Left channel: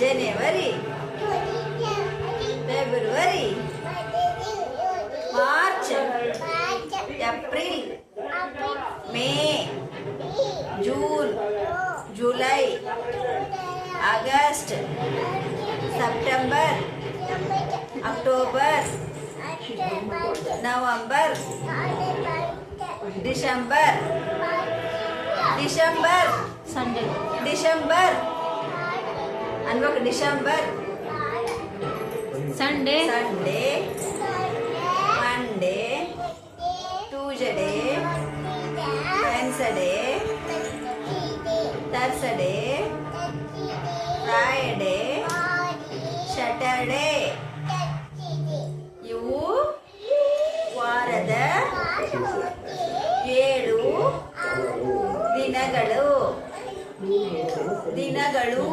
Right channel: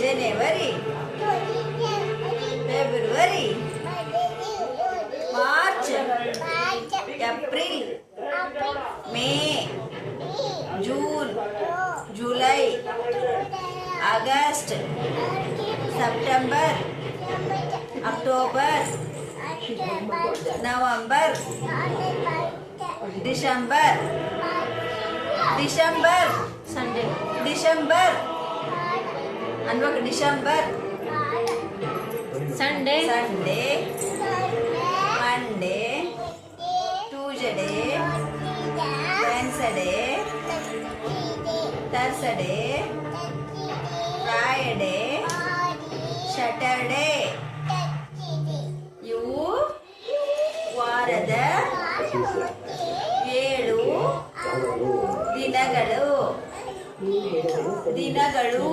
January, February, March, April, May, June, July, August, September, October, November, December, Sunday, December, December, Sunday, Monday, Tuesday, Wednesday, Thursday, Friday, Saturday. ಇವು ವಾರದ 7 ದಿನಗಳು